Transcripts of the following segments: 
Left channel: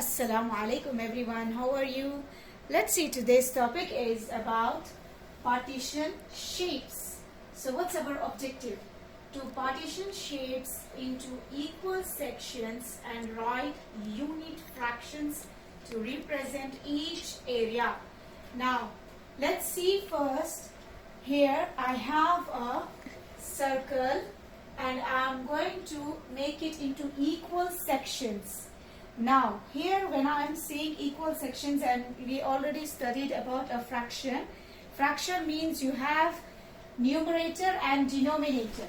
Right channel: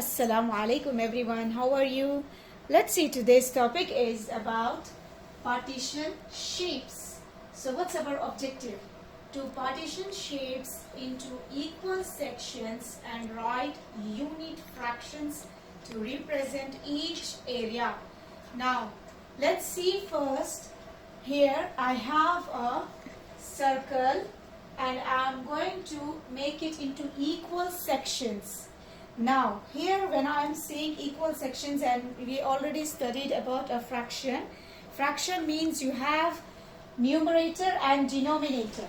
Assalamu alaikum everyone, how are you? Let's see, today's topic is about partition shapes. So what's our objective? To partition shapes into equal sections and write unit fractions to represent each area. Now let's see first. Here I have a circle and I'm going to make it into equal sections. Now here when I am saying equal sections, and we already studied about a fraction. Fraction means you have numerator and denominator,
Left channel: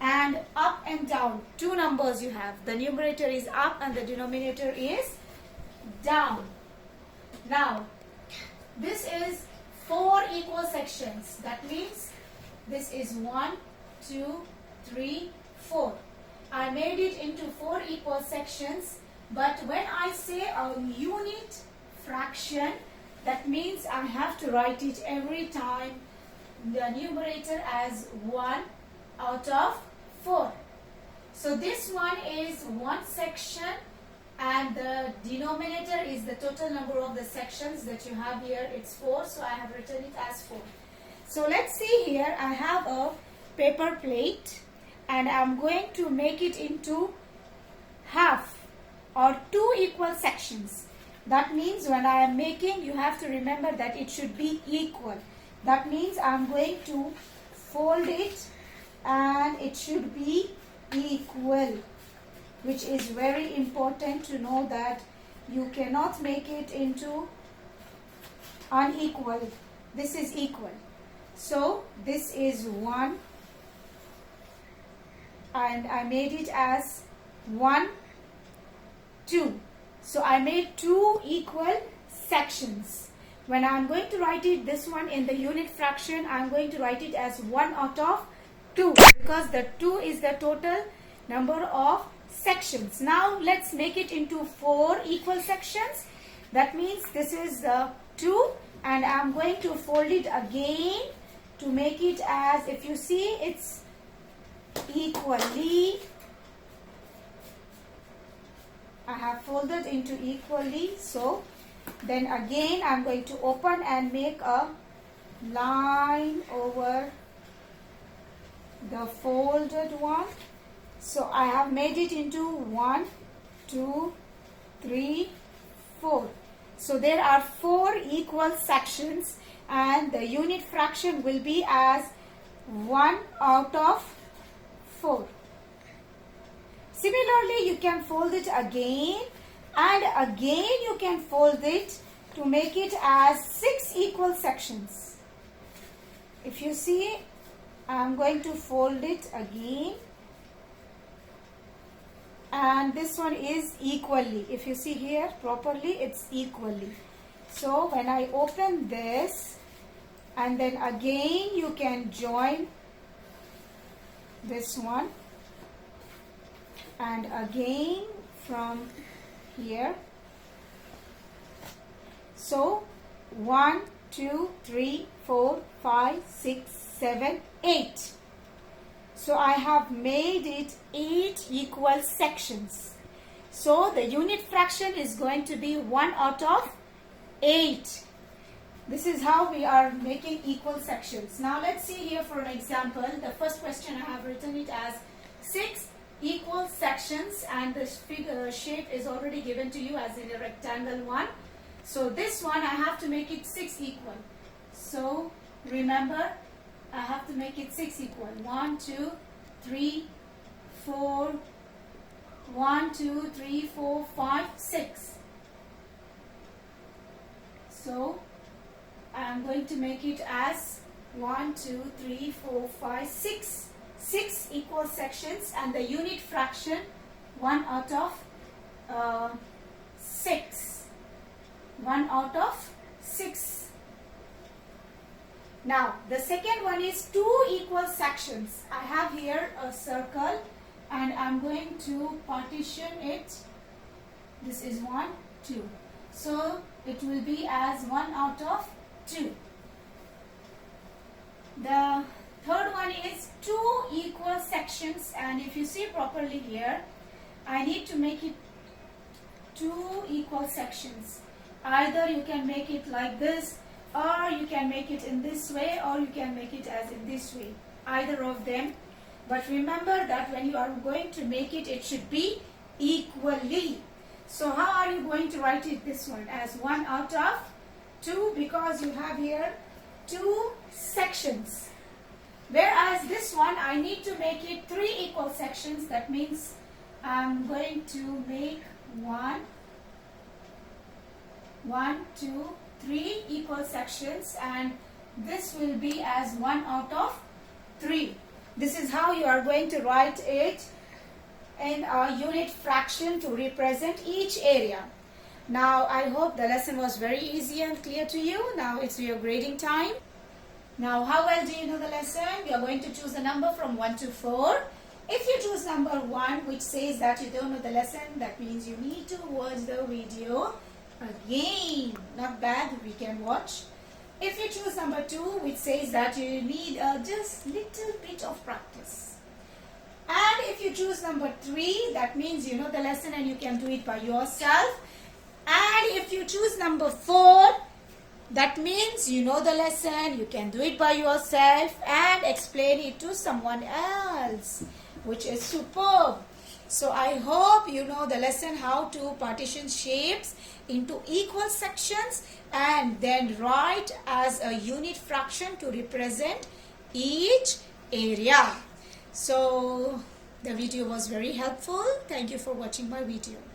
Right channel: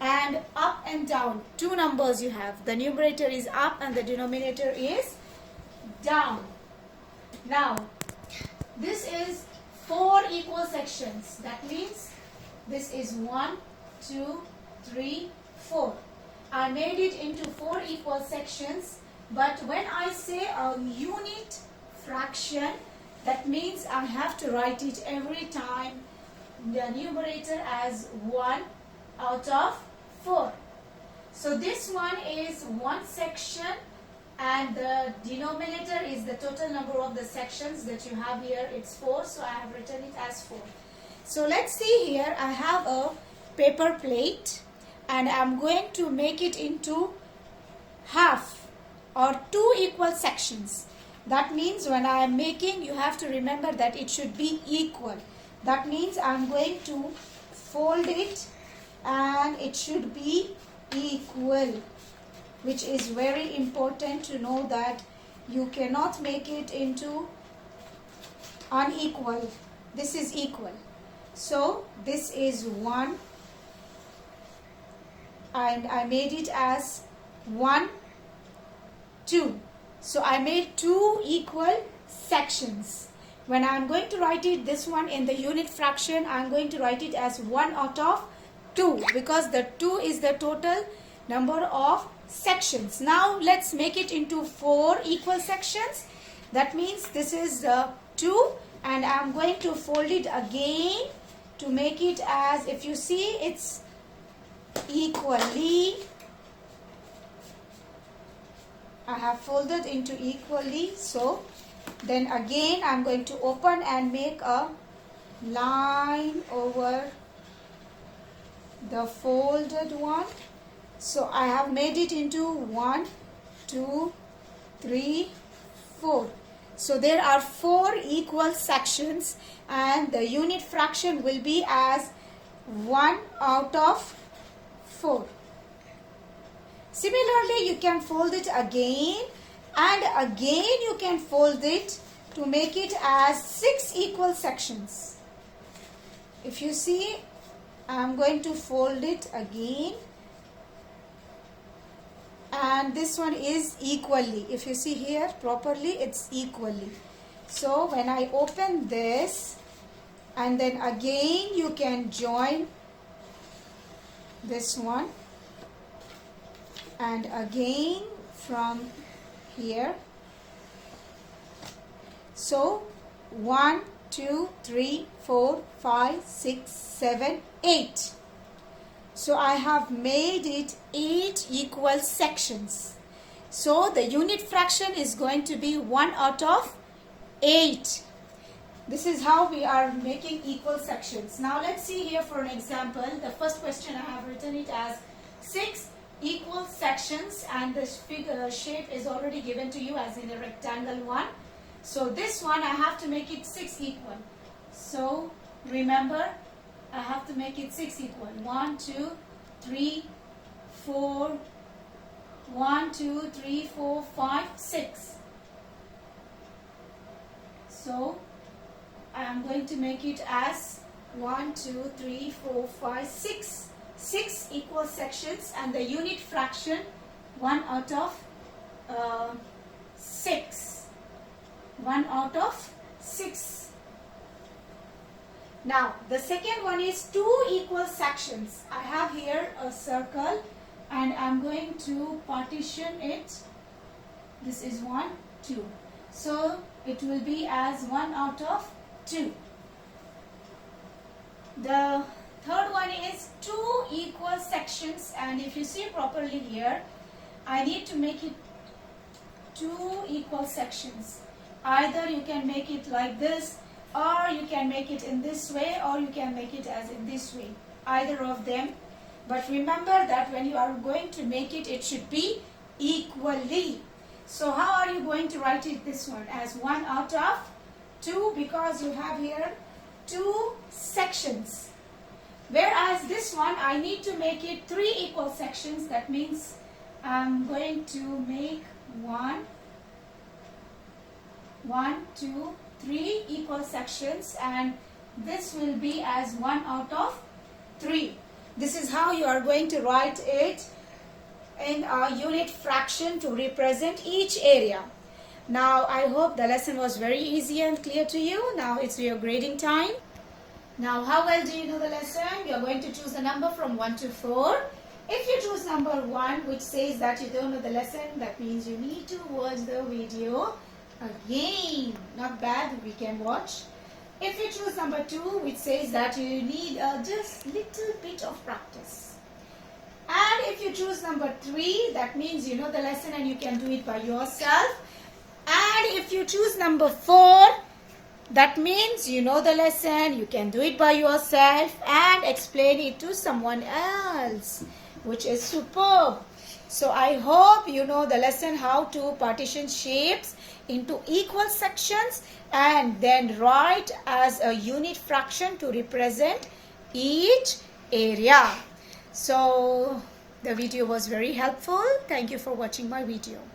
and up and down, two numbers you have. The numerator is up and the denominator is down. Now this is 4 equal sections. That means this is 1, 2, 3, 4. I made it into 4 equal sections. But when I say a unit fraction, that means I have to write it every time the numerator as 1 out of 4. So this one is one section and the denominator is the total number of the sections that you have here. It's 4, so I have written it as 4. So let's see here. I have a paper plate and I'm going to make it into half or 2 equal sections. That means when I am making, you have to remember that it should be equal. That means I am going to fold it and it should be equal, which is very important to know that you cannot make it into unequal. This is equal. So this is 1 and I made it as 1, 2. So I made 2 equal sections. When I'm going to write it, this one in the unit fraction, I'm going to write it as 1 out of 2 because the 2 is the total number of sections. Now let's make it into 4 equal sections. That means this is 2 and I'm going to fold it again to make it as, if you see, it's equally. I have folded into equally, so then again I'm going to open and make a line over the folded one. So I have made it into 1, 2, 3, 4. So there are 4 equal sections and the unit fraction will be as 1 out of 4. Similarly, you can fold it again and again you can fold it to make it as 6 equal sections. If you see, I am going to fold it again and this one is equally. If you see here properly, it's equally. So when I open this and then again you can join this one. And again from here. So 1, 2, 3, 4, 5, 6, 7, 8. So I have made it 8 equal sections. So the unit fraction is going to be 1 out of 8. This is how we are making equal sections. Now let's see here for an example. The first question I have written it as 6 equal sections and the figure shape is already given to you as in a rectangle one. So this one I have to make it 6 equal. So remember, I have to make it 6 equal. 1, 2, 3, 4, 1, 2, 3, 4, 5, 6. So I am going to make it as 1, 2, 3, 4, 5, 6. 6 equal sections and the unit fraction 1 out of 6. 1 out of 6. Now the second one is 2 equal sections. I have here a circle and I'm going to partition it. This is 1, 2. So it will be as 1 out of 2. The third one is 2 equal sections and if you see properly here, I need to make it two equal sections. Either you can make it like this, or you can make it in this way, or you can make it as in this way. Either of them. But remember that when you are going to make it, it should be equally. So how are you going to write it this one? As 1 out of 2, because you have here two sections. Whereas this one, I need to make it 3 equal sections. That means I'm going to make 1, 2, 3 equal sections, and this will be as 1 out of 3. This is how you are going to write it in a unit fraction to represent each area. Now I hope the lesson was very easy and clear to you. Now it's your grading time. Now how well do you know the lesson? You are going to choose a number from 1 to 4. If you choose number 1, which says that you don't know the lesson, that means you need to watch the video again. Not bad, we can watch. If you choose number 2, which says that you need just little bit of practice. And if you choose number 3, that means you know the lesson and you can do it by yourself. And if you choose number 4, that means you know the lesson, you can do it by yourself and explain it to someone else, which is superb. So I hope you know the lesson how to partition shapes into equal sections and then write as a unit fraction to represent each area. So the video was very helpful. Thank you for watching my video.